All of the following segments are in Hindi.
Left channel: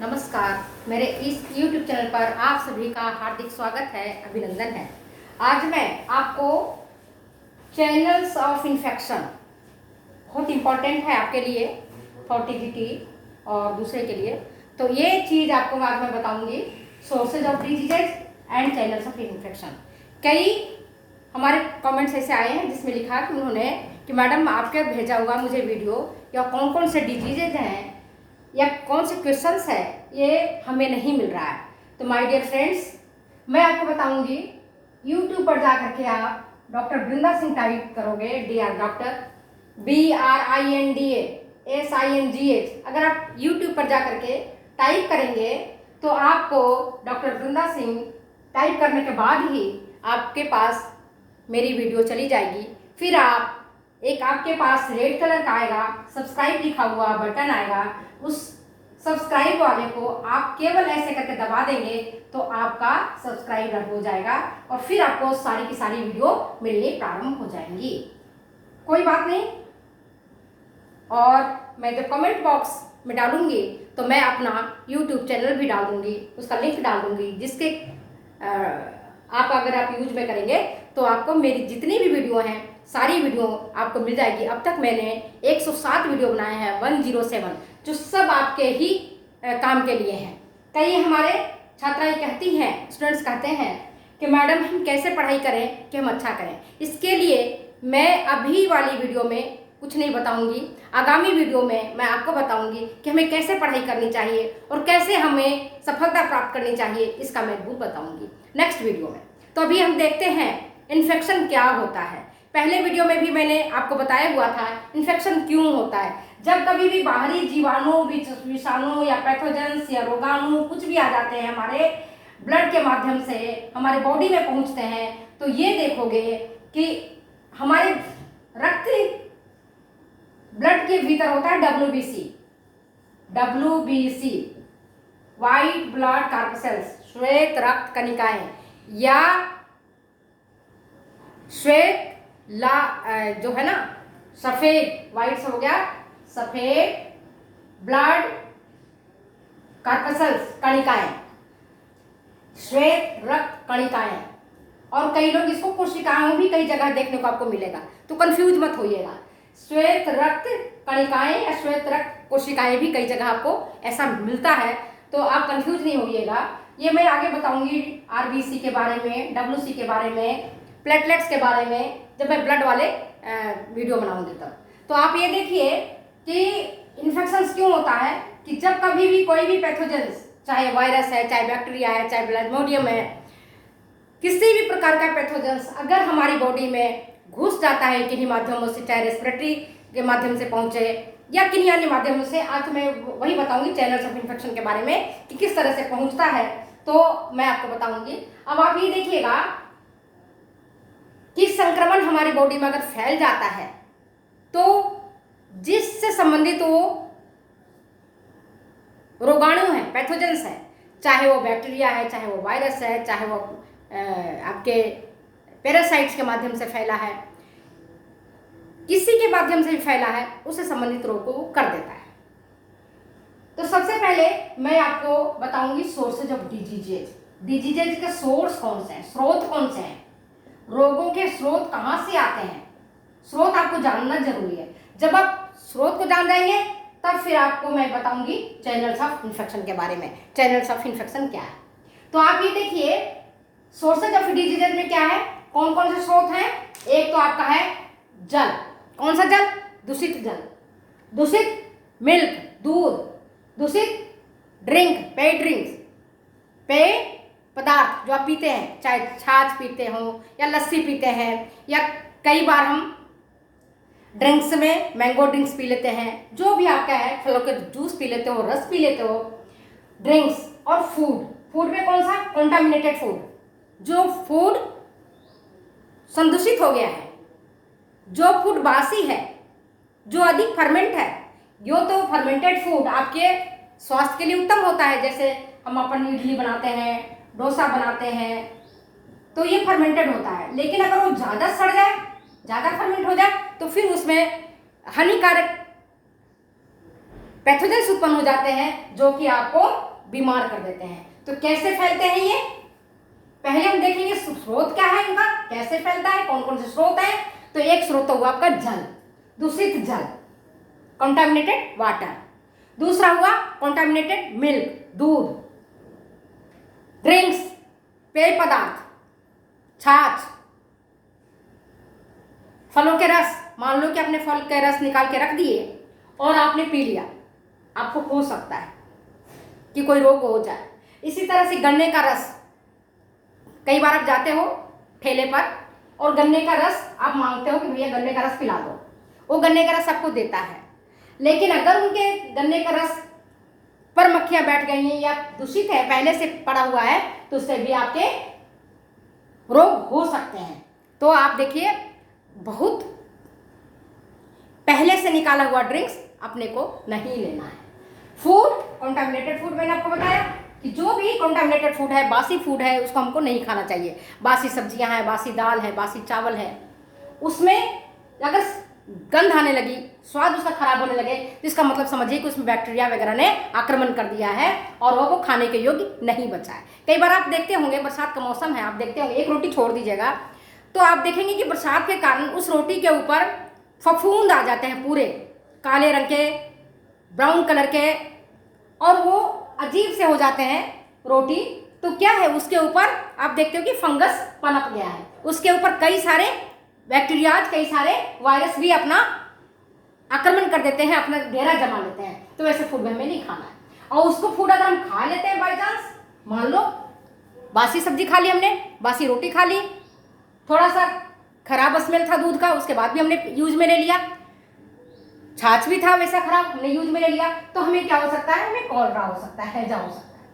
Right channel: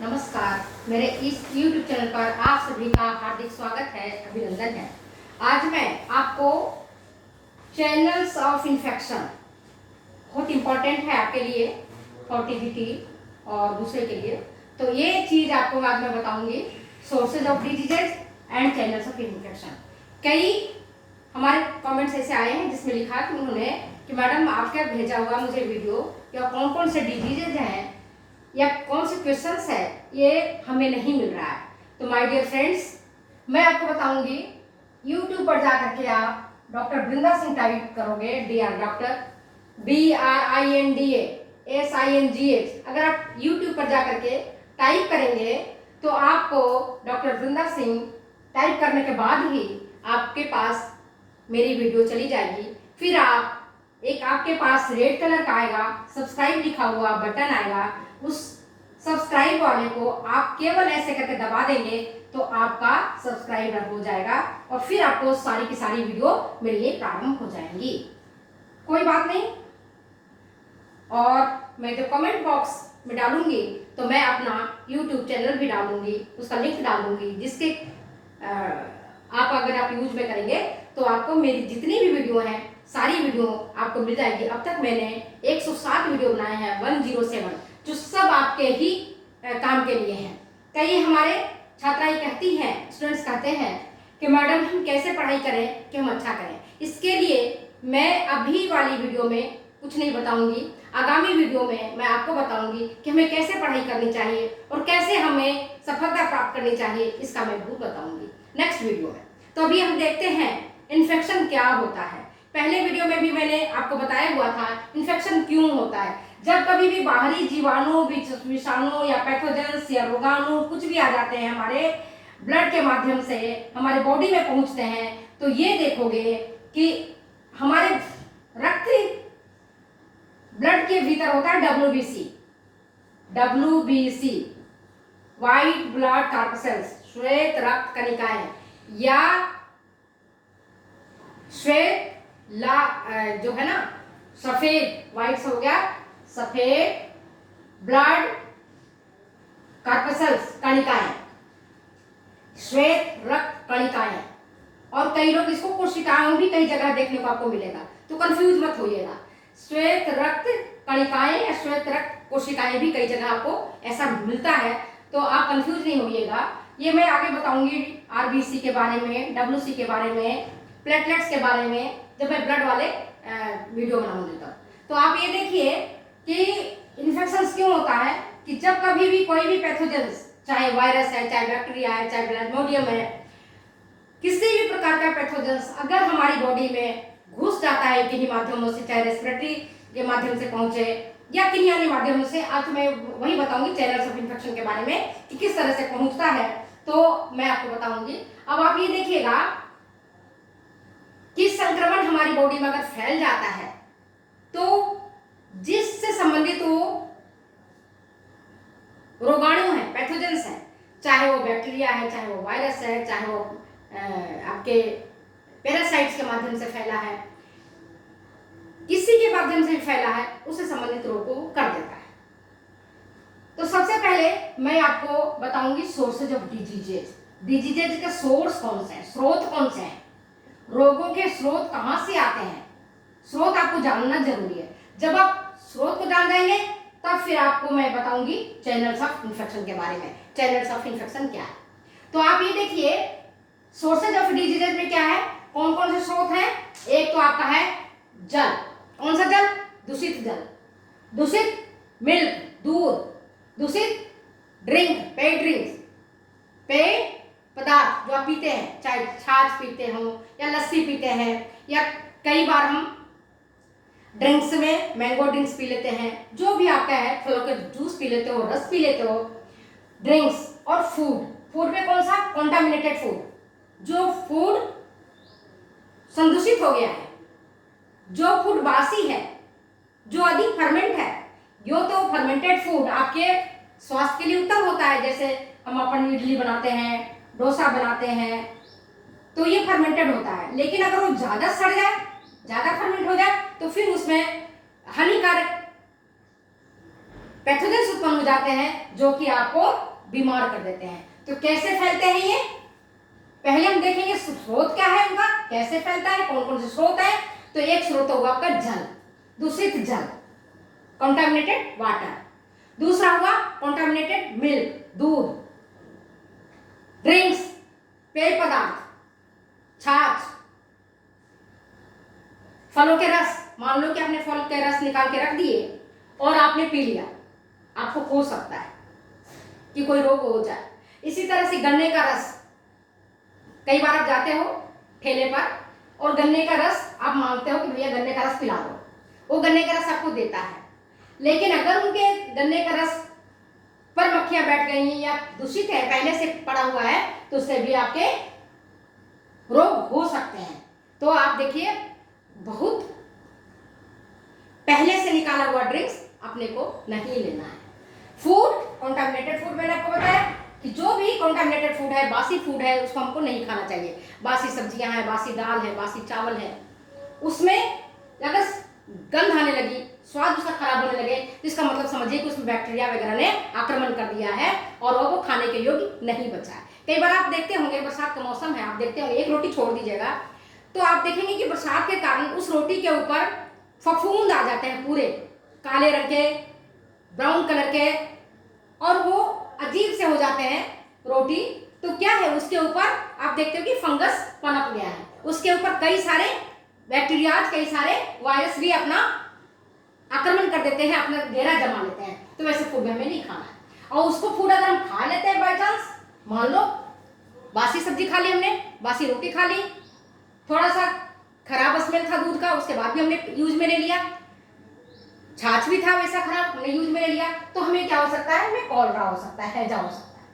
नमस्कार। मेरे इस YouTube चैनल पर आप सभी का हार्दिक स्वागत है, अभिनंदन है। आज मैं आपको चैनल्स ऑफ इन्फेक्शन बहुत इम्पोर्टेंट है आपके लिए, फर्टिलिटी और दूसरे के लिए। तो ये चीज़ आपको आज मैं बताऊंगी, sources of diseases and channels of infection. कई हमारे कमेंट्स ऐसे आए हैं जिसमें लिखा कि उन्होंने कि मैडम आपके भेजा हुआ मुझे वीडियो या कौन कौन से डिजीजेज हैं या कौन से क्वेश्चंस है ये हमें नहीं मिल रहा है। तो माय डियर फ्रेंड्स, मैं आपको बताऊंगी। यूट्यूब पर जा करके आप डॉक्टर वृंदा सिंह टाइप करोगे, DR डॉक्टर BRINDA SINGH। अगर आप यूट्यूब पर जा करके टाइप करेंगे तो आपको डॉक्टर वृंदा सिंह टाइप करने के बाद ही आपके पास मेरी वीडियो चली जाएगी। फिर आपके पास रेड कलर का आएगा, सब्सक्राइब लिखा हुआ बटन आएगा। उस सब्सक्राइब वाले को आप केवल ऐसे करके दबा देंगे तो आपका सब्सक्राइबर हो जाएगा और फिर आपको सारी की सारी वीडियो मिलनी प्रारंभ हो जाएंगी। कोई बात नहीं। और मैं जब कमेंट बॉक्स में डालूंगी तो मैं अपना YouTube चैनल भी डालूंगी, उसका लिंक डालूंगी, जिसके अगर आप यूज में करेंगे तो आपको मेरी जितनी भी वीडियो हैं सारी वीडियो आपको मिल जाएगी। अब तक मैंने 107 वीडियो बनाए हैं, 107, जो सब आपके ही काम के लिए हैं। कई हमारे छात्राएं कहती हैं, स्टूडेंट्स कहते हैं कि मैडम हम कैसे पढ़ाई करें कि हम अच्छा करें। इसके लिए मैं अभी वाली वीडियो में कुछ नहीं बताऊंगी, आगामी वीडियो में मैं आपको बताऊंगी कि हमें कैसे पढ़ाई करनी चाहिए और कैसे हमें सफलता प्राप्त करनी चाहिए, इसका मैं भूल बताऊंगी नेक्स्ट वीडियो में। तो अभी हम देखते हैं इन्फेक्शन क्या होता है। पहले वीडियो में भी मैंने आपको बताया हुआ था इन्फेक्शन क्यों होता है। जब कभी भी बाहरी जीवाणु, विषाणु या पैथोजेंस या रोगाणु कुछ भी आ जाते हैं हमारे ब्लड के माध्यम से हमारे बॉडी में पहुंचते हैं, तो ये देखोगे कि हमारे रक्त ब्लड के भीतर होता है WBC, व्हाइट ब्लड कॉर्पसेल्स, श्वेत रक्त कणिकाएं, या श्वेत जो है ना, सफेद, व्हाइट हो गया सफेद ब्लड कॉर्पसेल्स, कणिकाएं, श्वेत रक्त कणिकाएं। और कई लोग इसको कोशिकाओं भी कई जगह देखने को आपको मिलेगा, तो कंफ्यूज मत होइएगा। श्वेत रक्त कणिकाएं या श्वेत रक्त कोशिकाएं भी कई जगह आपको ऐसा मिलता है, तो आप कंफ्यूज नहीं होइएगा। ये मैं आगे बताऊंगी RBC के बारे में, WC के बारे में, प्लेटलेट्स के बारे में, जब मैं ब्लड वाले वीडियो बनाऊंगी तब। तो आप ये देखिए कि इन्फेक्शन क्यों होता है कि जब कभी भी कोई भी पैथोजेंस, चाहे वायरस है, चाहे बैक्टीरिया है, चाहे प्लाज्मोडियम है, किसी भी प्रकार का पैथोजेंस अगर हमारी बॉडी में घुस जाता है किन्हीं माध्यमों से, चाहे रेस्पिरेटरी के माध्यम से पहुंचे या किन्हीं अन्य माध्यमों से, आज मैं वही बताऊंगी चैनल्स ऑफ इन्फेक्शन के बारे में कि किस तरह से पहुंचता है, तो मैं आपको बताऊंगी। अब आप ये देखिएगा कि संक्रमण हमारी बॉडी में अगर फैल जाता है तो जिससे संबंधित वो रोगाणु है, पैथोजेंस है, चाहे वो बैक्टीरिया है, चाहे वो वायरस है, चाहे वो आपके पैरासाइट्स के माध्यम से फैला है, किसी के माध्यम से भी फैला है, उससे संबंधित रोग को कर देता है। तो सबसे पहले मैं आपको बताऊंगी सोर्सेज ऑफ डिजीजेज। डिजीजेज के सोर्स कौन से हैं, स्रोत कौन से हैं, रोगों के स्रोत कहां से आते हैं, स्रोत आपको जानना जरूरी है। जब आप स्रोत को जान जाएंगे तब फिर आपको मैं बताऊंगी चैनल्स ऑफ इन्फेक्शन के बारे में। चैनल्स ऑफ इन्फेक्शन क्या है, तो आप ये देखिए सोर्सेज ऑफ डिजीजेज में क्या है, कौन कौन से स्रोत हैं। एक तो आपका है जल। कौन सा जल? दूषित जल, दूषित मिल्क, दूध, दूषित ड्रिंक, पेय ड्रिंक्स, पेय पदार्थ जो आप पीते हैं, चाहे छाछ पीते हो या लस्सी पीते हैं, या कई बार हम ड्रिंक्स में मैंगो ड्रिंक्स पी लेते हैं, जो भी आपका है, फलों के जूस पी लेते हो, रस पी लेते हो, ड्रिंक्स। और फूड में कौन सा? कॉन्टामिनेटेड फूड, जो फूड संदूषित हो गया है, जो फूड बासी है, जो अधिक फर्मेंट है। यो तो फर्मेंटेड फूड आपके स्वास्थ्य के लिए उत्तम होता है, जैसे हम अपन इडली बनाते हैं, डोसा बनाते हैं, तो ये फर्मेंटेड होता है। लेकिन अगर वो ज़्यादा सड़ जाए, ज़्यादा फर्मेंट हो जाए, तो फिर उसमें हानिकारक पैथोजेंस उत्पन्न हो जाते हैं जो कि आपको बीमार कर देते हैं। तो कैसे फैलते हैं ये, पहले हम देखेंगे स्रोत क्या है उनका, कैसे फैलता है, कौन कौन से स्रोत है। तो एक स्रोत होगा आपका जल, दूषित जल, कंटामिनेटेड वाटर। दूसरा हुआ कंटामिनेटेड मिल्क, दूध, ड्रिंक्स, पेय पदार्थ, छाछ, फलों के रस। मान लो कि आपने फल के रस निकाल के रख दिए और आपने पी लिया, आपको हो सकता है कि कोई रोग हो जाए। इसी तरह से गन्ने का रस, कई बार आप जाते हो ठेले पर और गन्ने का रस आप मांगते हो कि भैया गन्ने का रस पिला दो, वो गन्ने का रस आपको देता है, लेकिन अगर उनके गन्ने का रस पर मक्खियां बैठ गई हैं या दूषित है, पहले से पड़ा हुआ है, तो उससे भी आपके रोग हो सकते हैं। तो आप देखिए, बहुत पहले से निकाला हुआ ड्रिंक्स अपने को नहीं लेना है। फूड, कंटामिनेटेड फूड, मैंने आपको बताया कि जो भी कंटामिनेटेड फूड है, बासी फूड है, उसको हमको नहीं खाना चाहिए। बासी सब्जियां हैं, बासी दाल है, बासी चावल है, उसमें अगर गंध आने लगी, स्वाद उसका खराब होने लगे, तो इसका मतलब समझिए कि उसमें बैक्टीरिया वगैरह ने आक्रमण कर दिया है और वो खाने के योग्य नहीं बचा है। कई बार आप देखते होंगे, बरसात का मौसम है, आप देखते होंगे एक रोटी छोड़ दीजिएगा तो आप देखेंगे कि बरसात के कारण उस रोटी के ऊपर फफूंद आ जाते हैं, पूरे काले रंग के, ब्राउन कलर के, और वो अजीब से हो जाते हैं रोटी। तो क्या है, उसके ऊपर आप देखते हो कि फंगस पनप गया है, उसके ऊपर कई सारे बैक्टीरियाज, कई सारे वायरस भी अपना आक्रमण कर देते हैं, अपना घेरा जमा लेते हैं। तो वैसे फूड में हमें नहीं खाना है। और उसको फूड अगर हम खा लेते हैं बाई चांस, मान लो बासी सब्जी खा ली हमने, बासी रोटी खा ली, थोड़ा सा खराब स्मेल था दूध का, उसके बाद भी हमने यूज में ले लिया, छाछ भी था वैसा खराब, हमने यूज में ले लिया, तो हमें क्या हो सकता है, हमें कॉलरा हो सकता है, हैजा हो सकता है,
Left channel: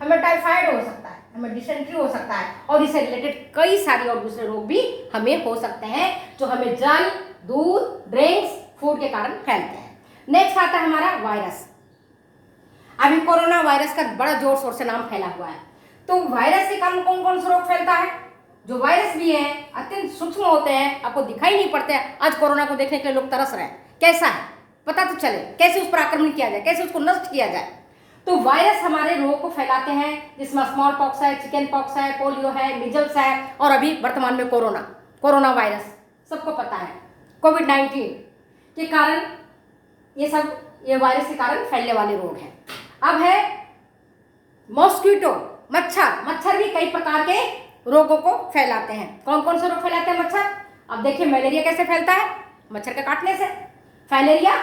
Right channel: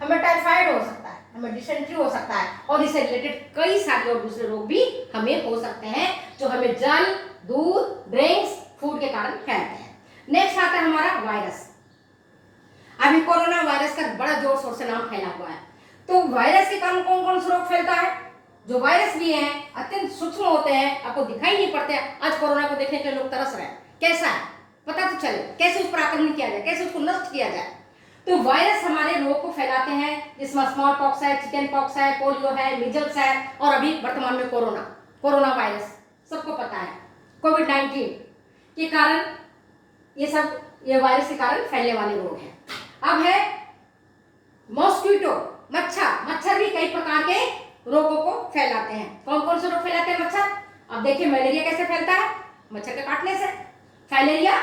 हमें टाइफाइड हो सकता है, हमें डिसेंट्री हो सकता है, और इससे रिलेटेड कई सारे और दूसरे रोग भी हमें हो सकते हैं जो हमें जल, दूध, ड्रिंक्स, फूड के कारण फैलते हैं। नेक्स्ट आता है हमारा वायरस। अभी कोरोना वायरस का बड़ा जोर शोर से नाम फैला हुआ है। तो वायरस के कारण कौन कौन सा रोग फैलता है? जो वायरस भी हैं अत्यंत सूक्ष्म होते हैं, आपको दिखाई नहीं पड़ते हैं। आज कोरोना को देखने के लिए लोग तरस रहे हैं, कैसा है पता तो चले, कैसे उस पर आक्रमण किया जाए, कैसे उसको नष्ट किया जाए। तो वायरस हमारे रोग को फैलाते हैं, जिसमें स्मॉल पॉक्स है, चिकन पॉक्स है, पोलियो है, मिजल्स है, और अभी वर्तमान में कोरोना वायरस सबको पता है, कोविड-19 के कारण, ये वायरस के कारण फैलने वाले रोग हैं। अब है मॉस्किटो, मच्छर भी कई प्रकार के रोगों को फैलाते हैं। कौन कौन से रोग फैलाते हैं मच्छर? अब देखिए, मलेरिया कैसे फैलता है, मच्छर के काटने से। फाइलेरिया,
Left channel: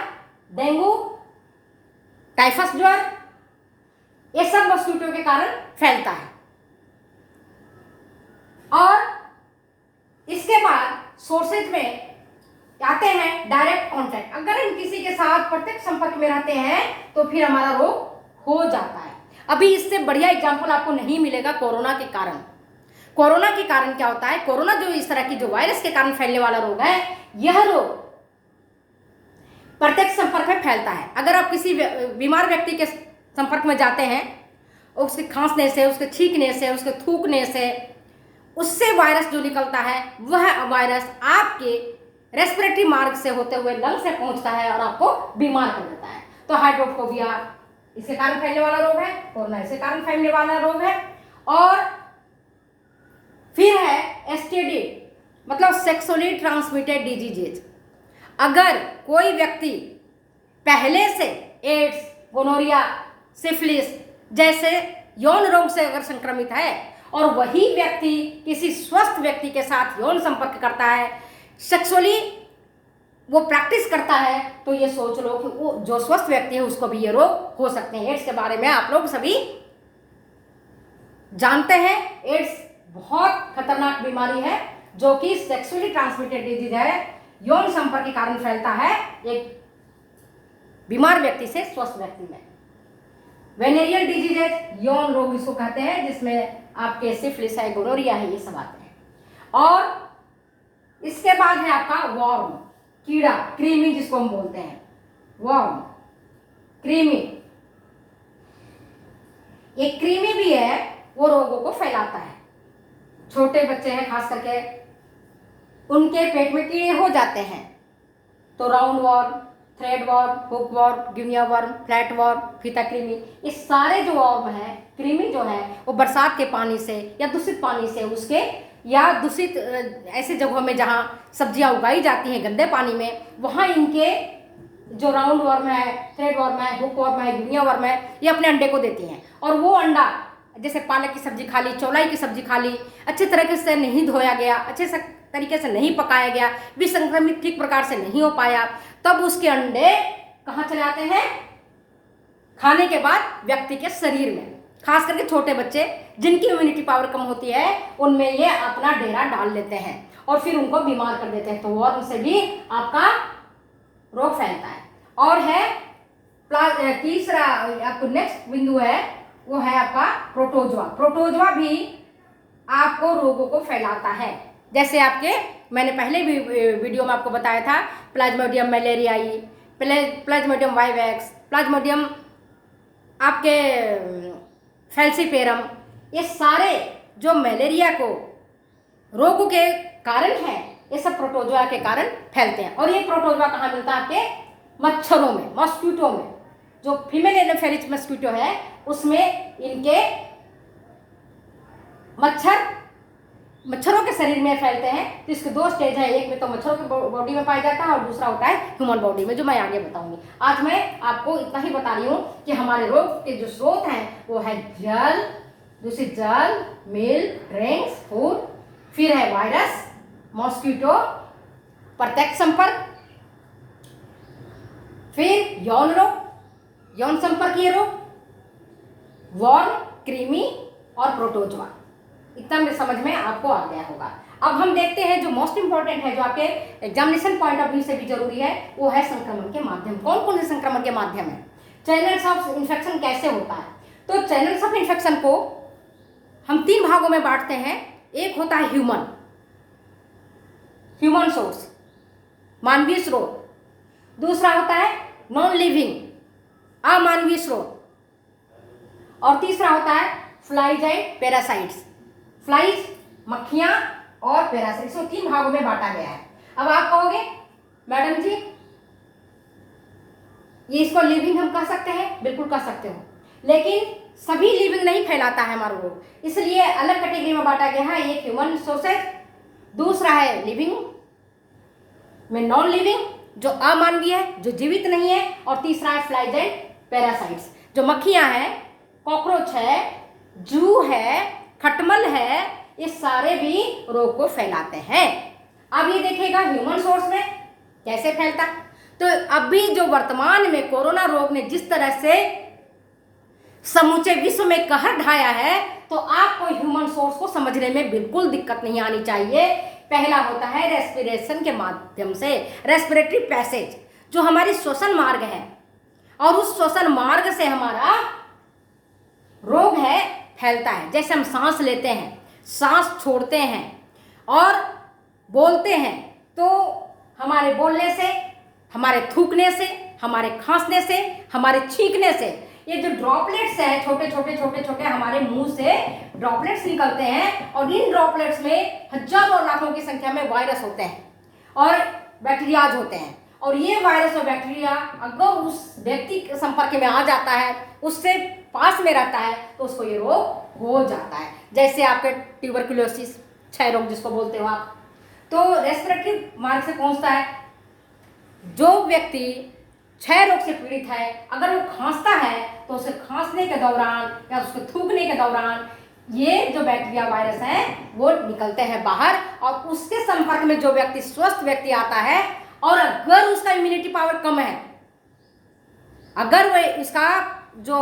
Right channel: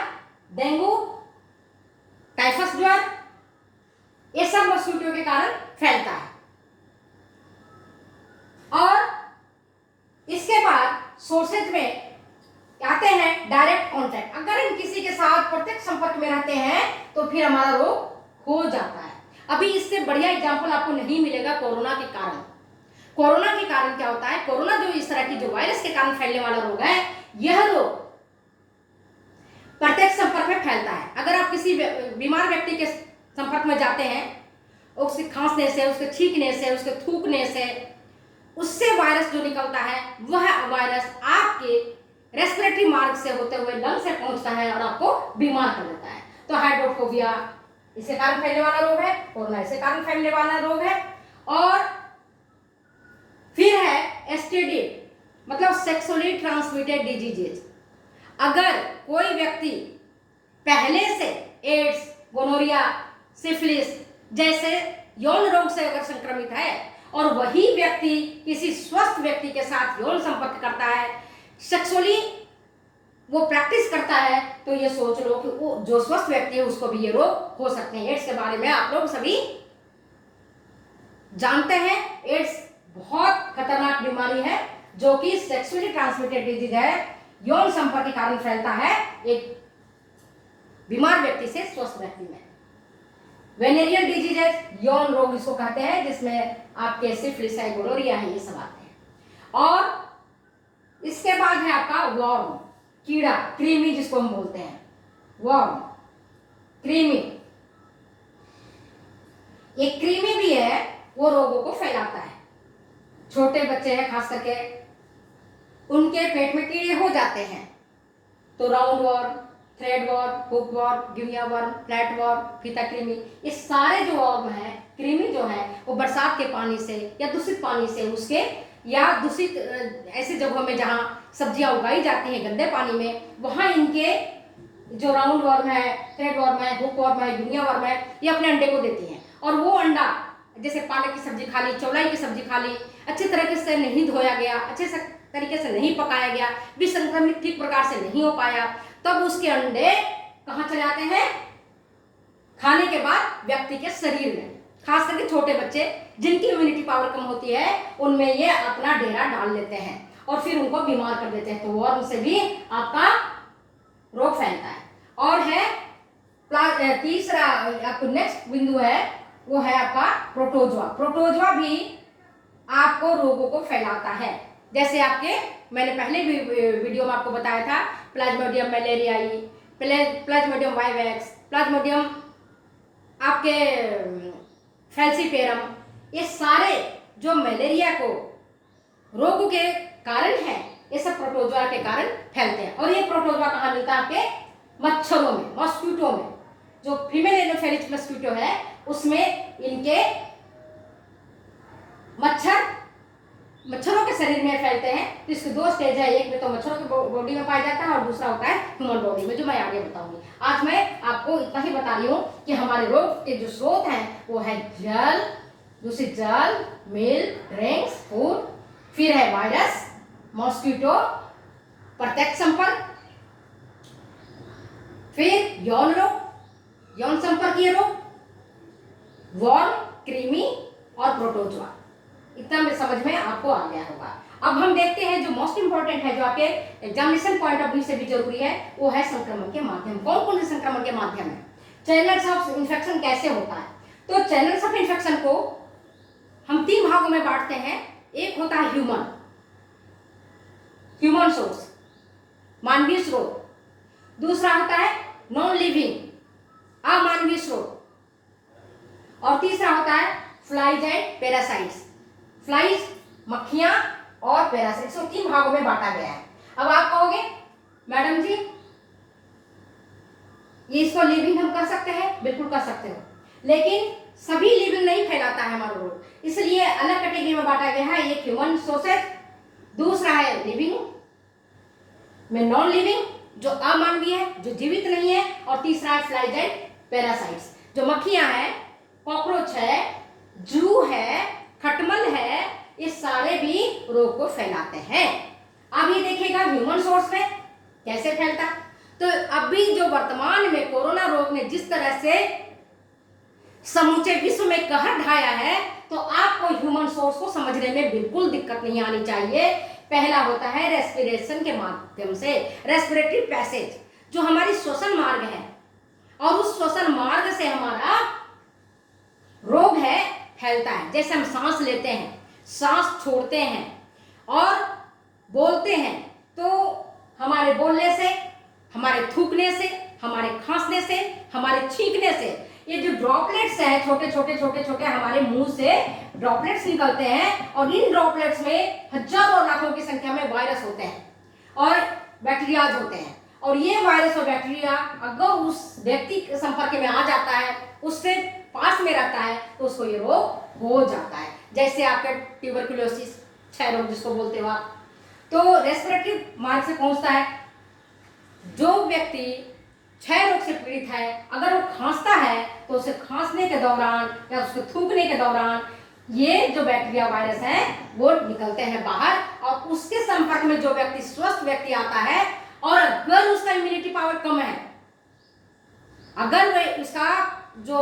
डेंगू, टाइफस ज्वर, ये सब मॉस्किटो के कारण फैलता है। और इसके बाद सोर्सेज में आते हैं डायरेक्ट कॉन्टैक्ट। अगर हम किसी के साथ प्रत्यक्ष संपर्क में रहते हैं तो फिर हमारा रोग हो जाता है। अभी इससे बढ़िया एग्जाम्पल आपको नहीं मिलेगा कोरोना के कारण। कोरोना के कारण क्या होता है, कोरोना जो इस तरह की जो वायरस के कारण फैलने वाला रोग है, यह रोग प्रत्यक्ष संपर्क में फैलता है। अगर आप किसी बीमार व्यक्ति के संपर्क में जाते हैं, उसके खांसने से, उसके छींकने से, उसके थूकने से, उससे वायरस जो निकलता है, वह वायरस आपके रेस्पिरेटरी मार्ग से होते हुए लंग से पहुंचता है और आपको बीमार कर देता है। तो हाइड्रोफोबिया इसके कारण फैलने वाला रोग है, कोरोना इसके कारण फैलने वाला रोग है। और फिर है एसटीडी, मतलब सेक्सुअली ट्रांसमिटेड डिजीजेज। अगर कोई व्यक्ति पहले से एड्स, गोनोरिया, सिफिलिस जैसे यौन रोग से अगर संक्रमित है और वही व्यक्ति किसी स्वस्थ व्यक्ति के साथ यौन संपर्क करता है, सेक्सुअली वो प्रैक्टिस करता है, तो ये सोच लो कि वो जो स्वस्थ व्यक्ति है उसको भी ये रोग हो सकते हैं। एड्स के बारे में आप लोग सभी जानते हैं। एड्स बहुत खतरनाक बीमारी है जो कि सेक्सुअली ट्रांसमिटेड डिजीज है, यौन संपर्क के कारण फैलता है एक बीमार व्यक्ति से स्वस्थ व्यक्ति में। वेनेरियल डिजीज है, यौन रोग इसको कहते हैं, जिसमें आपके सिफिलिस है, गोनोरिया है, ये सब आते हैं। और इसके बाद है आपका वर्म, कीड़ा, कृमि जिसको हम बोलते हैं, वर्म, कृमि। एक कृमि भी है, वो रोगों को फैलाता है। छोटे बच्चे हैं खास करके, उनके पेट में कीड़े हो जाते हैं, तो roundworm, threadworm, hookworm, guinea worm, flatworm, फीता कृमि, ये सारे जो वॉर्म हैं, कृमि जो है वो बरसात के पानी से या दूषित पानी से उसके या दूषित ऐसे जगहों में जहाँ सब्जियां उगाई जाती हैं गंदे पानी में, वहाँ इनके जो राउंड वर्म है, थ्रेड वर्म है, हुक वर्म है, गिनिया वर्म है, ये अपने अंडे को देती हैं। और वो अंडा जैसे पालक की सब्जी खा ली, चौलाई की सब्जी खा ली, अच्छे तरीके से नहीं धोया गया, अच्छे से तरीके से नहीं पकाया गया, विसंक्रमित ठीक प्रकार से नहीं हो पाया, तब उसके अंडे कहाँ चले आते हैं? खाने के बाद व्यक्ति के शरीर में। खास करके छोटे बच्चे जिनकी इम्यूनिटी पावर कम होती है उनमें ये अपना डेरा डाल लेते हैं और फिर उनको बीमार कर देते हैं। तो वर्म से भी आपका रोग फैलता है। और है तीसरा आपको नेक्स्ट बिंदु है, वो है आपका प्रोटोजोआ। प्रोटोजोआ भी आपको रोगों को फैलाता है। जैसे आपके मैंने पहले भी वीडियो में आपको बताया था, प्लाज्मोडियम मलेरियाई, प्लाज्मोडियम वाइवेक्स, प्लाज्मोडियम आपके फैल्सीपेरम, ये सारे जो मलेरिया को रोग के कारण है, ये सब प्रोटोजोआ के कारण फैलते हैं। और ये प्रोटोजोआ कहाँ मिलता है? आपके मच्छरों में, मॉस्किटो में। जो फीमेल एनोफेलिस मॉस्किटो है उसमें इनके मच्छरों के शरीर में फैलते हैं। तो इसके दो स्टेज है, एक में तो मच्छरों की बॉडी में पाया जाता है और दूसरा होता है ह्यूमन बॉडी में, जो मैं आगे बताऊंगी। आज मैं आपको इतना ही बता रही हूँ कि हमारे रोग के जो स्रोत हैं वो है जल, दूषित जल, मिल्क, ड्रिंक्स, फूड, फिर है वायरस, मॉस्किटो, प्रत्यक्ष संपर्क, फिर यौन रोग, यौन संपर्कीय रोग, वर्म, कृमि और प्रोटोजोआ। इतना में समझ में आपको आ गया होगा। अब हम देखते हैं जो मोस्ट इंपॉर्टेंट है, जो आपके एग्जामिनेशन पॉइंट ऑफ व्यू से भी जरूरी है, वो है संक्रमण के माध्यम। कौन कौन से संक्रमण के माध्यम है? चैनल्स ऑफ इन्फेक्शन कैसे होता है? तो चैनल्स ऑफ इन्फेक्शन को हम 3 भागों में बांटते हैं। एक होता है ह्यूमन सोर्स, मानवीय स्रोत। दूसरा होता है नॉन लिविंग, अमानवीय स्रोत। और तीसरा होता है फ्लाइज एंड पैरासाइट्स, फ्लाइज, मक्खियां और पैरासाइट्स। को 3 भागों में बांटा गया है। अब आप कहोगे मैडम जी ये इसको लिविंग हम कर सकते हैं? बिल्कुल कर सकते हो, लेकिन सभी लिविंग नहीं फैलाता है हमारा रोग, इसलिए अलग कैटेगरी में बांटा गया है। एक ह्यूमन सोर्सेज, दूसरा है लिविंग में नॉन लिविंग जो अमानवीय है, जो जीवित नहीं है, और तीसरा है फ्लाइज एंड पैरासाइट्स जो मक्खियां हैं, कॉकरोच है, जू है, खटमल है, ये सारे भी रोग को फैलाते हैं। अब ये देखिएगा ह्यूमन सोर्स में कैसे फैलता है। तो अभी जो वर्तमान में कोरोना रोग ने जिस तरह से समूचे विश्व में कहर ढाया है, तो आपको ह्यूमन सोर्स को समझने में बिल्कुल दिक्कत नहीं आनी चाहिए। पहला होता है रेस्पिरेशन के माध्यम से, रेस्पिरेटरी पैसेज, जो हमारी श्वसन मार्ग है, और उस श्वसन मार्ग से हमारा रोग है फैलता है। जैसे हम सांस लेते हैं, सांस छोड़ते हैं और बोलते हैं, तो हमारे बोलने से, हमारे थूकने से, हमारे खांसने से, हमारे छींकने से, ये जो ड्रॉपलेट्स है, छोटे छोटे हमारे मुंह से ड्रॉपलेट्स निकलते हैं, और इन ड्रॉपलेट्स में हजारों लाखों की संख्या में वायरस होते हैं और बैक्टीरियाज होते हैं। और ये वायरस और बैक्टीरिया अगर उस व्यक्ति के संपर्क में आ जाता है, उससे पास में रहता है, तो उसको ये रोग हो जाता है। जैसे आपके ट्यूबरकुलोसिस, क्षय रोग जिसको बोलते हो आप, तो रेस्पिरेटरी मार्ग से पहुंचता है। जो व्यक्ति क्षय रोग से पीड़ित है, अगर वो खांसता है तो उसे खांसने के दौरान या उसके थूकने के दौरान ये जो बैक्टीरिया वायरस हैं वो निकलते हैं बाहर, और उसके संपर्क में जो व्यक्ति स्वस्थ व्यक्ति आता है, और अगर उसका इम्यूनिटी पावर कम है, अगर वह इसका जो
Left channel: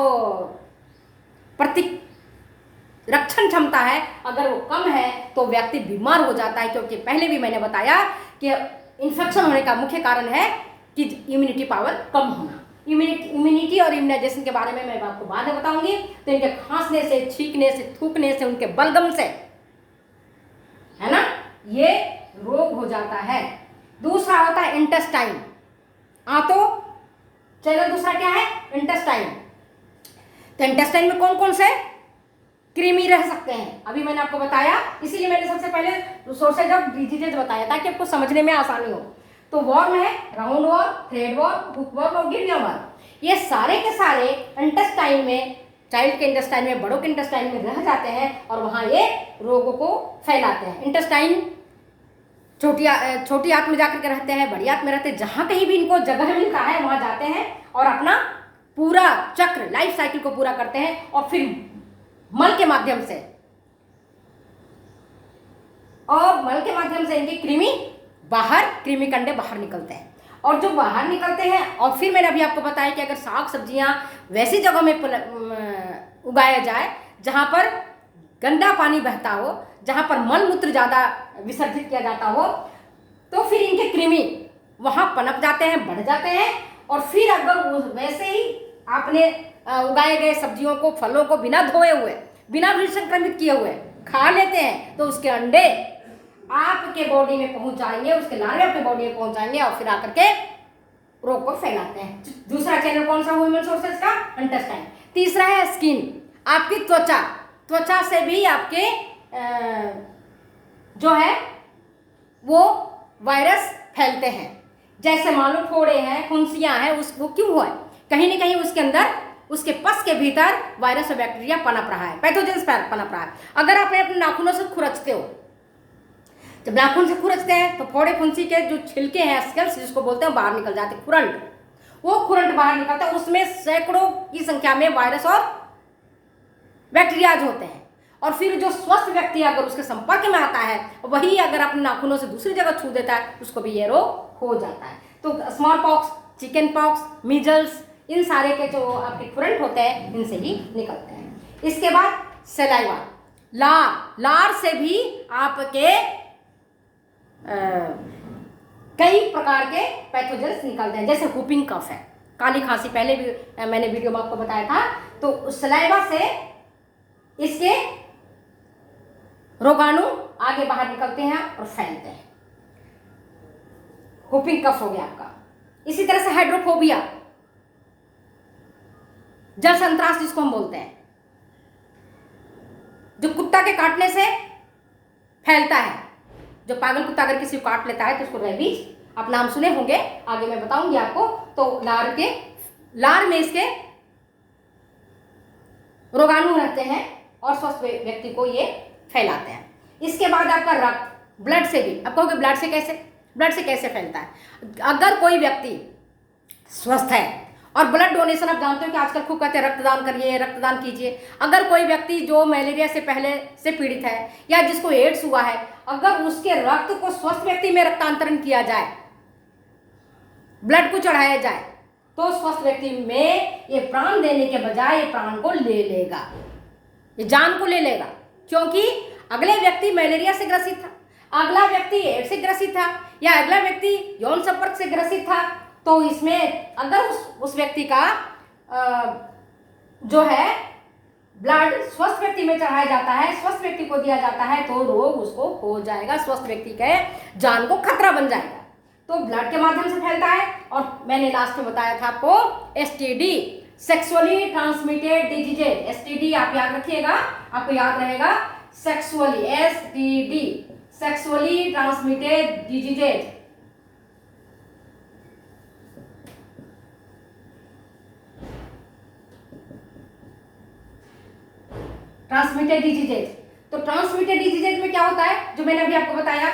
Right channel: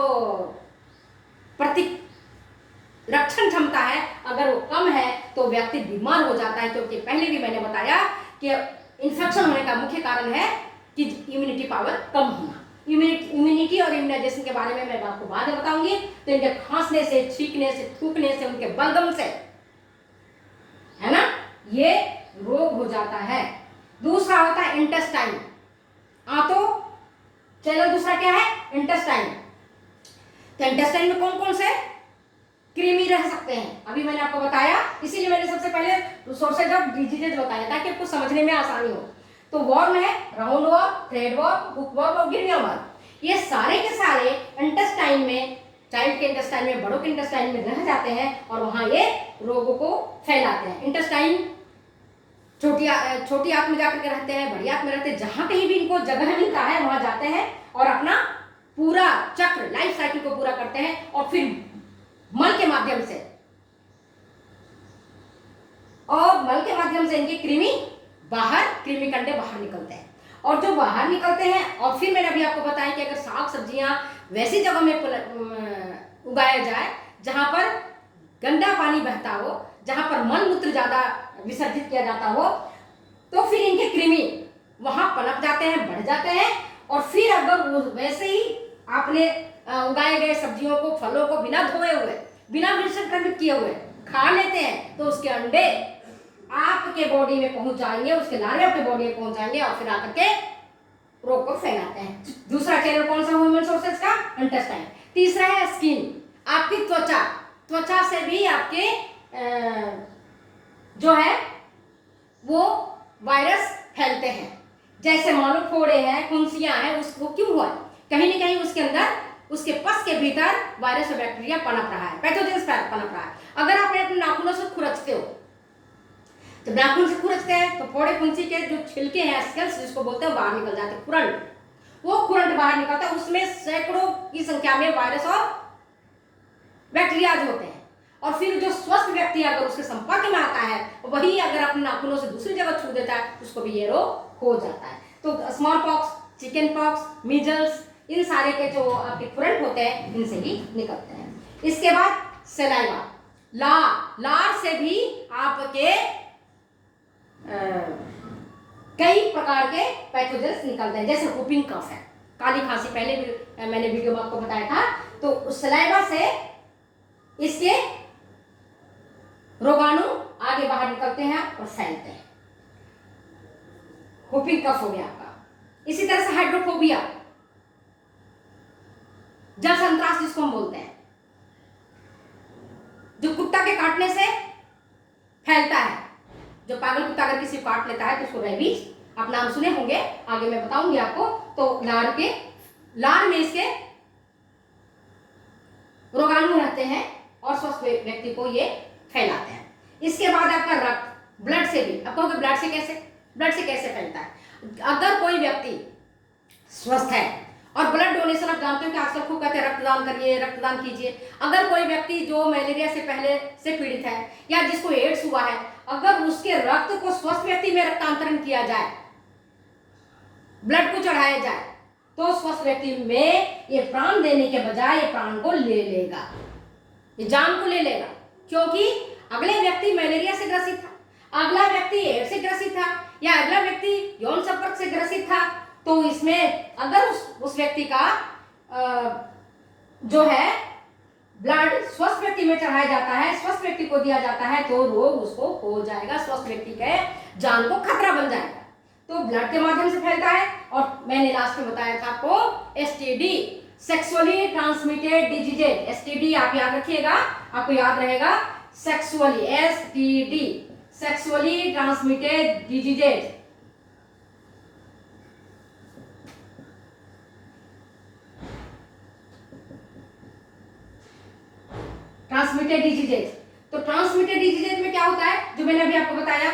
प्रतिरक्षण क्षमता है अगर वो कम है, तो व्यक्ति बीमार हो जाता है। क्योंकि पहले भी मैंने बताया कि इन्फेक्शन होने का मुख्य कारण है कि इम्यूनिटी पावर कम होना। इम्यूनिटी और इम्यूनाइजेशन के बारे में मैं आपको बाद में बताऊंगी। तो इनके खांसने से, छींकने से, थूकने से, उनके बलगम से, है ना, ये रोग हो जाता है। दूसरा होता है इंटेस्टाइन। तो चलो दूसरा क्या है? इंटेस्टाइन। तो इंटेस्टाइन में कौन कौन से कृमि रह सकते हैं, अभी मैंने आपको बताया, इसीलिए मैंने सबसे पहले सोर्सेज ऑफ डिजीजेज बताया ताकि आपको समझने में आसानी हो। तो वॉर्म है roundworm, threadworm, hookworm और गिनिया वॉर्म। ये सारे के सारे इंटेस्टाइन में, चाइल्ड के इंटेस्टाइन में, बड़ों के इंटेस्टाइन में रह जाते हैं और वहां ये रोगों को फैलाते हैं। इंटेस्टाइन छोटी आंत में जाकर के रहते हैं, बड़ी आंत में रहते हैं, जहां कहीं भी इनको जगह मिलता है वहां जाते हैं और अपना पूरा चक्र, लाइफ साइकिल को पूरा करते हैं और फिर मल के माध्यम से इनके कृमि कंडे बाहर निकलते हैं। और जो बाहर निकलते हैं, और फिर मैंने अभी आपको बताया कि अगर साग सब्जियां वैसी जगह में उगाया जाए जहां पर गंदा पानी बहता हो, जहां पर मल मूत्र ज्यादा विसर्जित किया जाता हो, तो फिर इनके कृमि वहां पनप जाते हैं, बढ़ जाते हैं। और फिर अगर वैसे ही आपने उगाए गए सब्जियों को, फलों को बिना धोए हुए, बिना विसंक्रमित किए हुए खा लेते हैं, तो उसके अंडे आपके बॉडी में पहुंच जाएंगे, उसके लार्वे आपके बॉडी में पहुंच जाएंगे और फिर आकर के रोग को फैलाते हैं। दूसरा चैनल कौन सा ह्यूमन सोर्सेज का? इंटेस्टाइन। तीसरा है स्किन, आपकी त्वचा से भी आपके जो है वो वायरस फैलते हैं। जैसे मानो फोड़े हैं, फुंसियां हैं, उसको क्यों हुआ? कहीं ना कहीं उसके अंदर, उसके पस के भीतर वायरस और बैक्टीरिया पनप रहा है, पैथोजेंस पनप रहा है। अगर आप अपने नाखूनों से खुरचते हो, जब नाखून से खुरचते हैं तो फोड़े फुंसी के जो छिलके हैं, स्केल्स जिसको बोलते हैं, बाहर निकल जाते हैं, खुरंट, वो खुरंट बाहर निकलता है, उसमें सैकड़ों की संख्या में वायरस और बैक्टीरियाज होते हैं। और फिर जो स्वस्थ व्यक्ति अगर उसके संपर्क में आता है, वही अगर अपने नाखूनों से दूसरी जगह छू देता है, उसको भी ये रोग हो जाता है। तो small pox, chicken pox, measles, इन सारे के जो आपके खुरंट होते हैं, इनसे ही निकलते हैं। इसके बाद सलाइवा, लार से भी आपके कई प्रकार के पैथोजेंस निकलते हैं। जैसे हुपिंग कफ है, काली खांसी, पहले भी मैंने वीडियो में आपको बताया था। तो सलाइवा से इसके रोगाणु आगे बाहर निकलते हैं और फैलते हैं। हुपिंग कफ हो गया आपका। इसी तरह से हाइड्रोफोबिया, जल संत्रास जिसको हम बोलते हैं, जो कुत्ता के काटने से फैलता है। जो पागल कुत्ता अगर किसी को काट लेता है तो उसको रेबीज, आप नाम सुने होंगे, आगे मैं बताऊंगी आपको। तो लार में इसके रोगाणु रहते हैं और स्वस्थ व्यक्ति को ये फैलाते हैं। इसके बाद आपका रक्त, ब्लड से भी, आप कहोगे ब्लड से कैसे फैलता है? अगर कोई व्यक्ति स्वस्थ है, और ब्लड डोनेशन आप जानते हो कि आजकल खूब कहते हैं रक्तदान करिए, रक्तदान कीजिए। अगर कोई व्यक्ति जो मलेरिया से पहले से पीड़ित है या जिसको एड्स हुआ है, अगर उसके रक्त को स्वस्थ व्यक्ति में रक्तांतरण किया जाए, ब्लड को चढ़ाया जाए, तो स्वस्थ व्यक्ति में ये प्राण देने के बजाय ये प्राण को ले लेगा, ये जान को ले लेगा। क्योंकि अगले व्यक्ति मलेरिया से ग्रसित था, अगला व्यक्ति एड्स से ग्रसित था, या अगला व्यक्ति यौन संपर्क से ग्रसित था। तो इसमें अगर उस व्यक्ति का जो है ब्लड स्वस्थ व्यक्ति में चढ़ाया जाता है, स्वस्थ व्यक्ति को दिया जाता है, तो रोग उसको हो जाएगा, स्वस्थ व्यक्ति के जान को खतरा बन जाएगा। तो ब्लड के माध्यम से फैलता है। और मैंने लास्ट में बताया था आपको STD, sexually transmitted diseases. STD आप याद रखिएगा, आपको याद रहेगा, sexually, STD, sexually transmitted diseases. Transmitted diseases. तो ट्रांसमिटेड डिजीजेज में क्या होता है, जो मैंने अभी आपको बताया,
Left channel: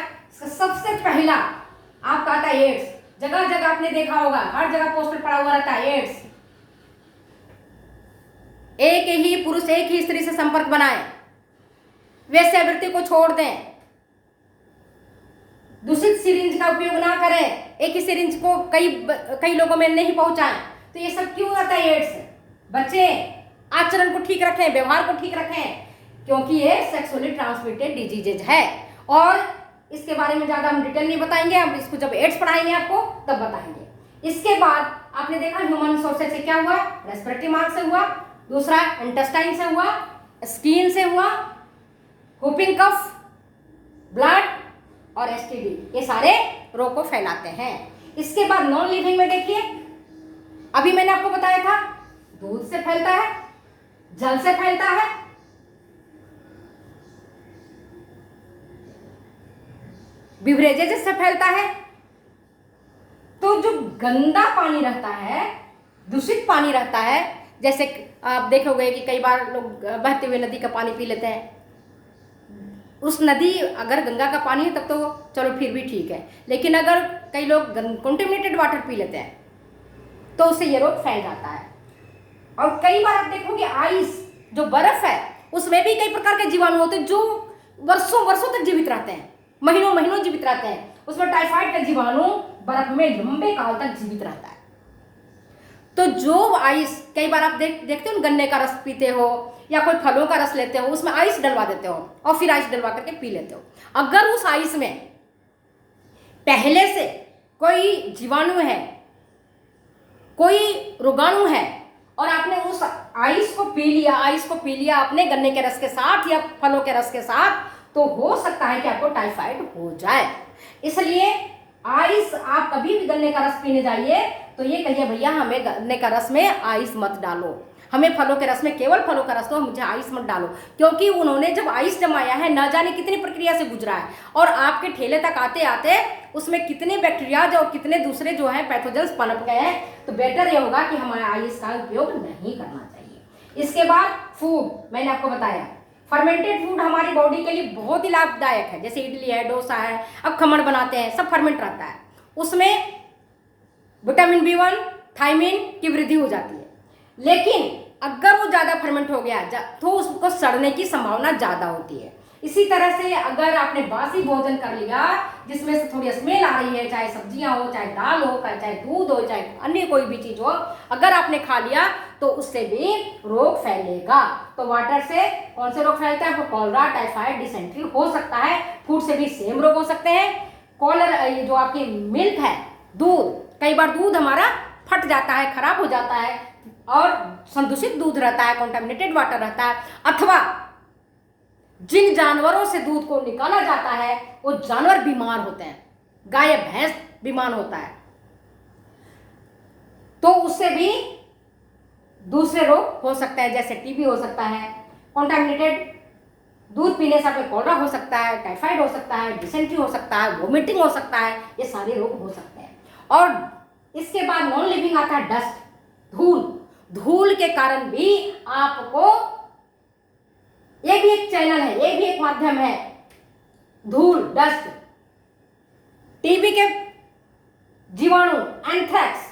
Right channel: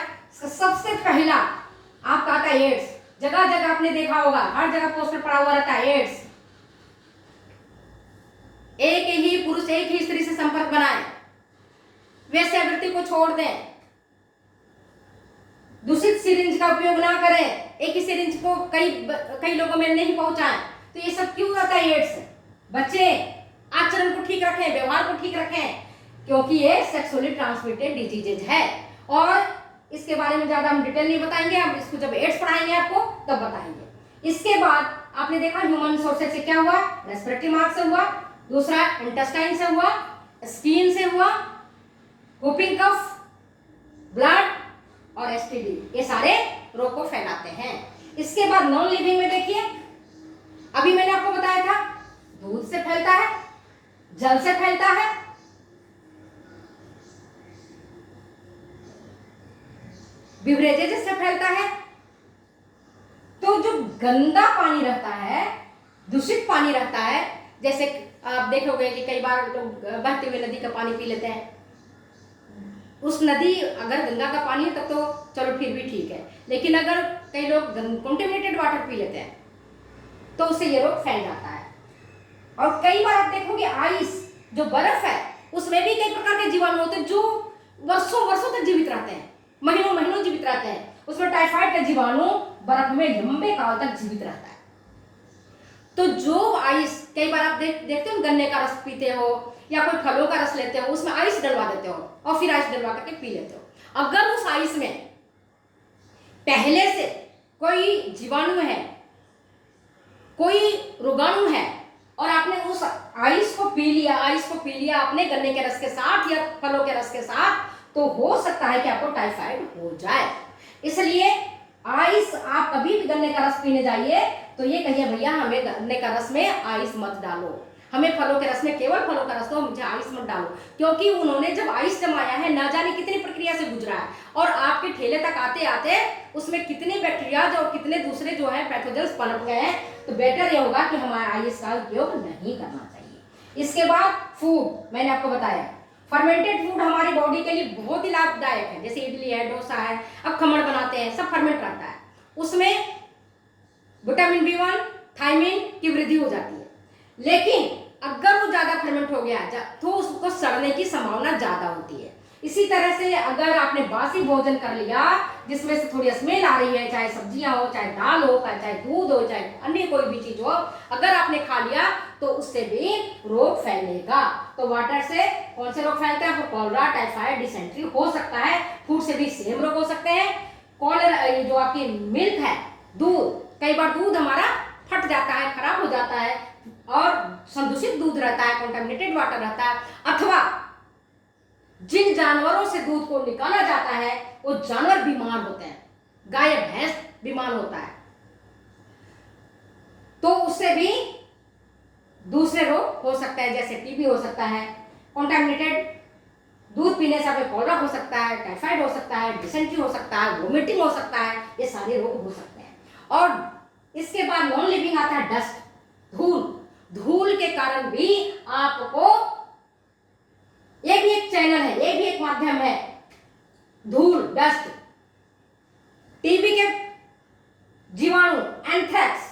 सबसे पहला आपका आता है एड्स। जगह जगह आपने देखा होगा, हर जगह पोस्टर पड़ा हुआ रहता है एड्स। एक ही पुरुष एक ही स्त्री से संपर्क बनाए, वेश्यावृत्ति को छोड़ दें, दूषित सिरिंज का उपयोग ना करें, एक ही सिरिंज को कई लोगों में नहीं पहुंचाएं। तो ये सब क्यों आता है एड्स? बच्चे आचरण को ठीक रखें, व्यवहार को ठीक रखें, क्योंकि ये सेक्सुअली ट्रांसमिटेड डिजीजेज है। और इसके बारे में ज्यादा हम डिटेल नहीं बताएंगे, हम इसको जब एड्स पढ़ाएंगे आपको तब बताएंगे। इसके बाद आपने देखा ह्यूमन सोर्सेज से क्या हुआ, रेस्पिरेटरी मार्ग से हुआ, दूसरा इंटेस्टाइन से हुआ, स्किन से हुआ, हुपिंग कफ, ब्लड और एसटीडी, ये सारे रोग को फैलाते हैं। इसके बाद नॉन लिविंग में देखिए, अभी मैंने आपको बताया था दूध से फैलता है, जल से फैलता है, बिवरेजेस से फैलता है, तो जो गंदा पानी रहता है, दूषित पानी रहता है, जैसे आप देखोगे कि कई बार लोग बहते हुए नदी का पानी पी लेते हैं। उस नदी अगर गंगा का पानी है तब तो चलो फिर भी ठीक है, लेकिन अगर कई लोग कंटेमिनेटेड वाटर पी लेते हैं तो उससे ये रोग फैल जाता है। और कई बार आप देखोगे आइस, जो बर्फ है, उसमें भी कई प्रकार के जीवाणु होते हैं जो वर्षों वर्षों तक जीवित रहते हैं, महीनों महीनों जीवित रहते हैं। उसमें टाइफाइड का जीवाणु बर्फ में लंबे काल तक जीवित रहता है। तो जो आइस, कई बार आप देखते हो गन्ने का रस पीते हो या कोई फलों का रस लेते हो, उसमें आइस डलवा देते हो और फिर आइस डलवा करके पी लेते हो। अगर उस आइस में पहले से कोई जीवाणु है, कोई रोगाणु है और आपने उस आइस को पी लिया आपने गन्ने के रस के साथ या फलों के रस के साथ, तो हो सकता है कि आपको टाइफाइड हो जाए। इसलिए आइस, आप कभी भी गन्ने का रस पीने जाइए तो ये कहिए भैया हमें गन्ने का रस में आइस मत डालो, हमें फलों के रस में केवल फलों का रस दो, मुझे आइस मत डालो। क्योंकि उन्होंने जब आइस जमाया है न जाने कितनी प्रक्रिया से गुजरा है और आपके ठेले तक आते आते उसमें कितने बैक्टीरियाज और कितने दूसरे जो है पैथोजेंस पनप गए हैं। तो बेटर ये होगा कि हमारे आइस का उपयोग नहीं करना चाहिए। इसके बाद फूड, मैंने आपको बताया फर्मेंटेड फूड हमारी बॉडी के लिए बहुत ही लाभदायक है। जैसे इडली है, डोसा है, अब खमण बनाते हैं, सब फर्मेंट रहता है। उसमें विटामिन B1, थायमिन की वृद्धि हो जाती है। लेकिन अगर वो ज़्यादा फर्मेंट हो गया तो उसको सड़ने की संभावना ज़्यादा होती है। इसी तरह से अगर आपने बासी भोजन कर लिया जिसमें से थोड़ी स्मेल आ रही है, चाहे सब्जियां हो, चाहे दाल हो, चाहे दूध हो, चाहे अन्य कोई भी चीज हो, अगर आपने खा लिया तो उससे भी रोग फैलेगा। तो वाटर से कौन से रोग फैलते हैं? कॉलरा, टाइफाइड, डिसेंट्री हो सकता है। फूड से भी सेम रोग हो सकते हैं। कॉलर जो आपकी मिल्क है, दूध, कई बार दूध हमारा फट जाता है, खराब हो जाता है और संदूषित दूध रहता है, कंटामिनेटेड वाटर रहता है। अथवा जिन जानवरों से दूध को निकाला जाता है वो जानवर बीमार होते हैं, गाय भैंस बीमार होता है, तो उससे भी दूसरे रोग हो सकता है, जैसे टीबी हो सकता है, कंटामिनेटेड दूध पीने से हमें कॉलरा हो सकता है, टाइफाइड हो सकता है, डिसेंट्री हो सकता है, वोमिटिंग हो सकता है, ये सारे रोग हो सकते हैं। और इसके बाद नॉन लिविंग आता है डस्ट, धूल। धूल के कारण भी आपको, ये भी एक चैनल है, ये भी एक माध्यम है, धूल, डस्ट, टीबी के जीवाणु, एंथ्रेक्स,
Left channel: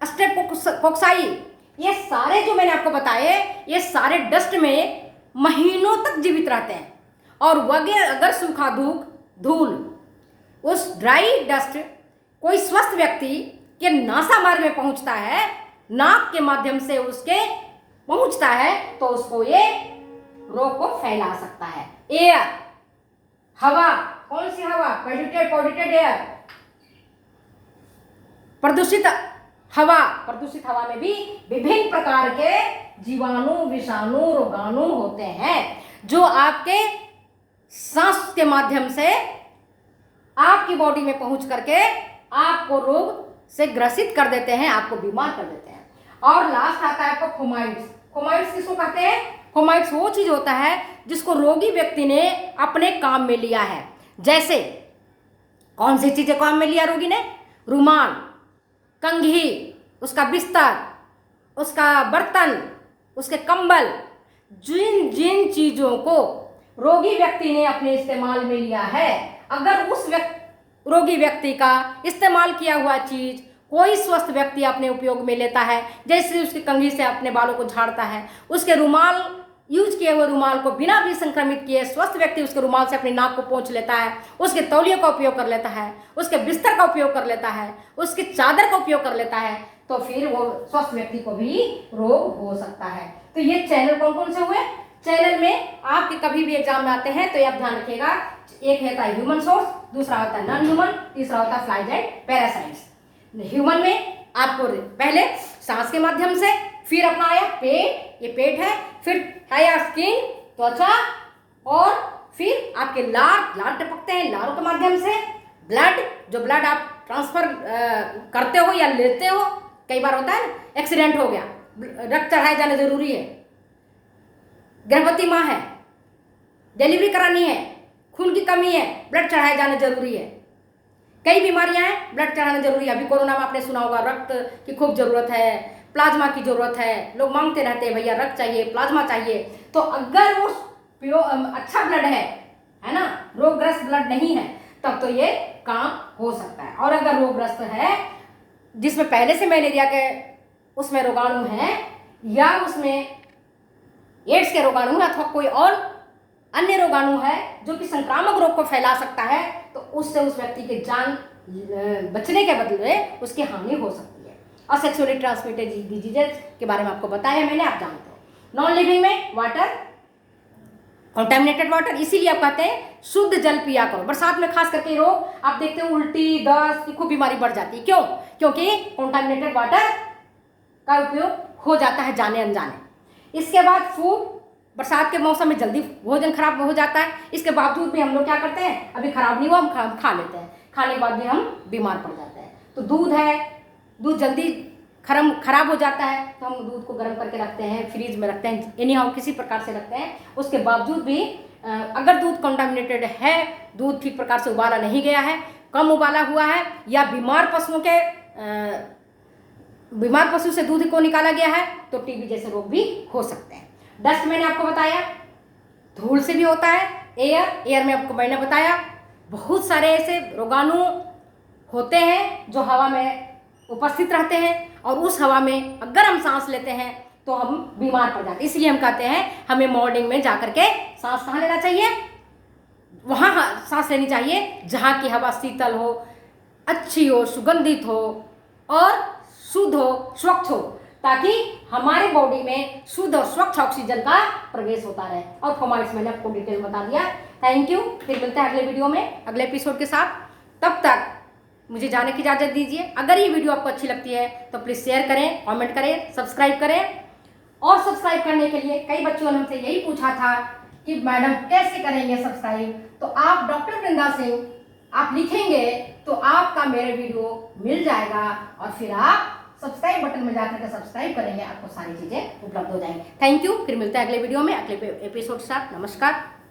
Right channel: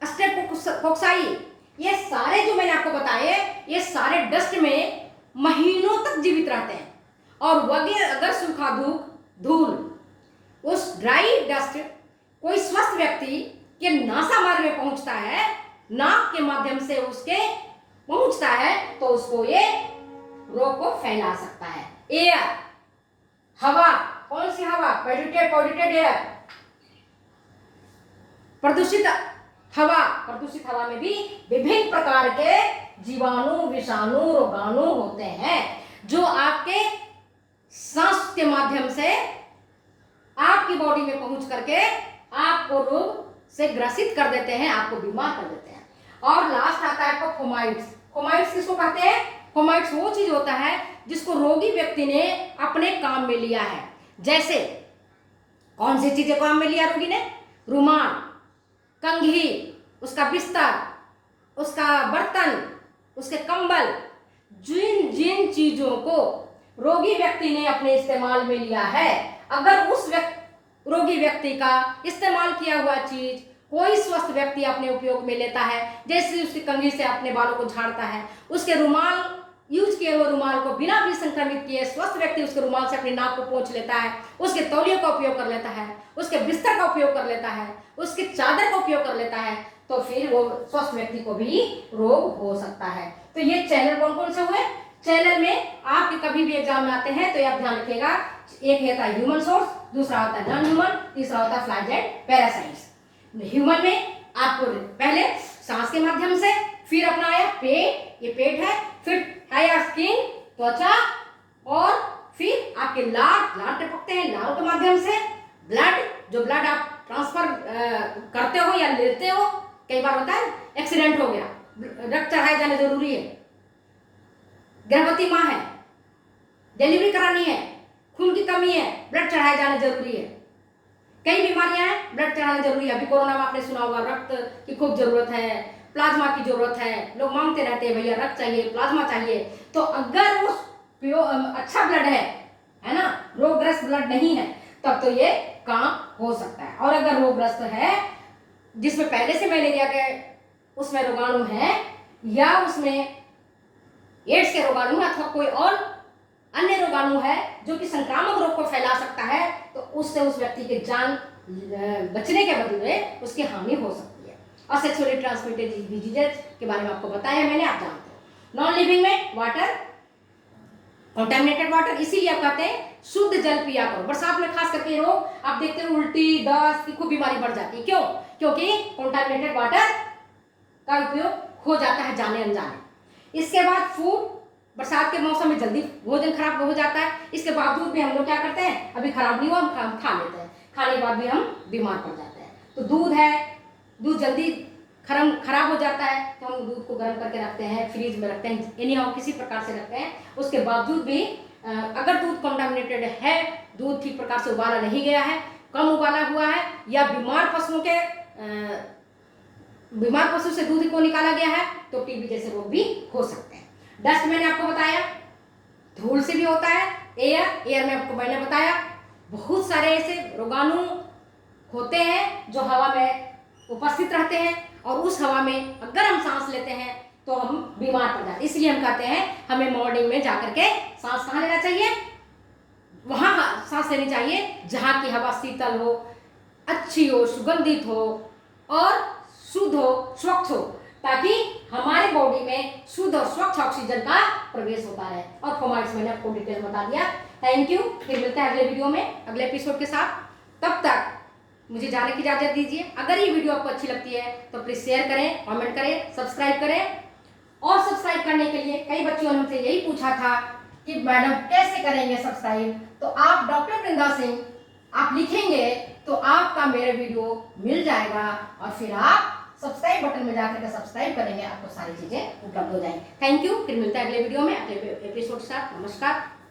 स्ट्रेप्टोकोकाई, ये सारे जो मैंने आपको बताए, ये सारे डस्ट में महीनों तक जीवित रहते हैं। और वगैरह अगर सूखा धूल, उस ड्राई डस्ट कोई स्वस्थ व्यक्ति के नासामार्ग में पहुंचता है, नाक के माध्यम से उसके पहुंचता है, तो उसको ये रोग को फैला सकता है। एयर, हवा, कौन सी हवा? पॉल्यूटेड एयर, प्रदूषित हवा में भी विभिन्न प्रकार के जीवाणु, विषाणु, रोगाणु होते हैं जो आपके सांस के माध्यम से आपकी बॉडी में पहुंच करके आपको रोग से ग्रसित कर देते हैं, आपको बीमार कर देते हैं। और लास्ट आता है आपको फोमाइट्स। फोमाइट्स किसको कहते हैं? फोमाइट्स वो चीज होता है जिसको रोगी व्यक्ति ने अपने काम में लिया है। जैसे कौन सी चीजें काम में लिया रोगी ने? रुमाल, कंघी, उसका बिस्तर, उसका बर्तन, उसके कंबल, जिन चीजों को रोगी व्यक्ति ने अपने इस्तेमाल में लिया है, अगर उस रोगी व्यक्ति का इस्तेमाल किया हुआ चीज कोई स्वस्थ व्यक्ति अपने उपयोग में लेता है, जैसे उसकी कंघी से अपने बालों को झाड़ता है, उसके रुमाल, यूज किए हुए रुमाल को बिना भी संक्रमित किए स्वस्थ व्यक्ति उसके रुमाल से अपनी नाक को पोंछ लेता है, उसके तौलिए का उपयोग कर लेता है, उसके बिस्तर का उपयोग कर लेता है, उसकी चादर का उपयोग कर लेता है, तो फिर वो स्वस्थ व्यक्ति को भी रोग हो सकता है। तो ये चैनल कौन कौन से हुए? चैनल में आपके कभी भी एग्जाम में आते हैं तो ये आप ध्यान रखिएगा, एक होता है ह्यूमन सोर्स, दूसरा होता है नॉन ह्यूमन, तीसरा होता है फ्लाइज एंड पैरासाइट्स। ह्यूमन में आपको पहले सांस के माध्यम से, फिर अपना आया पेट, ये पेट है, फिर आया स्किन, त्वचा, और फिर आपके लार टपकते हैं लारों के माध्यम से, ब्लड, जो ब्लड आप ट्रांसफर करते हो या लेते हो, कई बार होता है एक्सीडेंट हो गया, रक्त चढ़ाया जाना जरूरी है, गर्भवती माँ है, डिलीवरी करानी है, खून की कमी है, ब्लड चढ़ाया जाना जरूरी है। कई बीमारियां हैं, ब्लड चढ़ाना जरूरी है। अभी कोरोना में आपने सुना होगा रक्त की खूब जरूरत है, प्लाज्मा की जरूरत है, लोग मांगते रहते हैं भैया रक्त चाहिए, प्लाज्मा चाहिए। तो अगर वो अच्छा ब्लड है ना, रोगग्रस्त ब्लड नहीं है, तब तो ये काम हो सकता है। और अगर रोगग्रस्त है जिसमें पहले से मलेरिया के उसमें रोगाणु है, या उसमें एड्स के रोगाणु अथवा कोई और अन्य रोगाणु है जो कि संक्रामक रोग को फैला सकता है, तो उससे उस व्यक्ति के जान बचने के बदले उसकी हानि हो सकती है। और सेक्सुअली ट्रांसमिटेड डिजीजेस के बारे में आपको बताया मैंने, आप जानते हो। नॉन लिविंग में वाटर, कंटामिनेटेड वाटर, इसीलिए आप कहते हैं शुद्ध जल पिया करो। बरसात में खास करके रोग आप देखते हो, उल्टी, दस्त की खूब बीमारी बढ़ जाती है। क्यों? क्योंकि कंटामिनेटेड वाटर का उपयोग हो जाता है जाने अनजाने। इसके बाद फूड, बरसात के मौसम में जल्दी भोजन खराब हो जाता है, इसके बावजूद भी हम लोग क्या करते हैं, अभी खराब नहीं हुआ हम खा लेते हैं, खाने के बाद भी हम बीमार पड़ जाते हैं। तो दूध है, दूध जल्दी खराब हो जाता है, तो हम दूध को गर्म करके रखते हैं, फ्रीज में रखते हैं, एनीहाउ किसी प्रकार से रखते हैं। उसके बावजूद भी अगर दूध कंटामिनेटेड है, दूध ठीक प्रकार से उबाला नहीं गया है, कम उबाला हुआ है, या बीमार पशु से दूध को निकाला गया है, तो टीबी जैसे रोग भी हो सकते हैं। डस्ट मैंने आपको बताया, धूल से भी होता है। एयर में आपको मैंने बताया बहुत सारे ऐसे रोगाणु होते हैं जो हवा में उपस्थित रहते हैं, और उस हवा में अगर हम सांस लेते हैं तो हम बीमार पड़ जाते हैं। इसलिए हम कहते हैं हमें मॉर्निंग में जाकर के सांस कहाँ लेना चाहिए, वहाँ सांस लेनी चाहिए जहाँ की हवा शीतल हो, अच्छी हो, सुगंधित हो और शुद्ध हो, स्वच्छ हो, ताकि हमारे बॉडी में शुद्ध और स्वच्छ ऑक्सीजन का प्रवेश होता रहे। और फॉर्माइट्स मैंने आपको डिटेल बता दिया। Thank you. फिर मिलते हैं अगले वीडियो में, अगले एपिसोड के साथ। तब तक मुझे जाने की इजाजत दीजिए। अगर ये वीडियो आपको अच्छी लगती है तो प्लीज शेयर करें, कमेंट करें, सब्सक्राइब करें। और सब्सक्राइब करने के लिए कई बच्चों ने हमसे यही पूछा था कि मैडम कैसे करेंगे सब्सक्राइब, तो आप डॉक्टर वृंदा सिंह आप लिखेंगे तो आपका मेरा वीडियो मिल जाएगा, और फिर आप सब्सक्राइब बटन में जाकर के सब्सक्राइब करेंगे, आपको सारी चीजें उपलब्ध हो जाएंगी। Thank you. फिर मिलते हैं अगले वीडियो में, अगले एपिसोड के साथ। नमस्कार।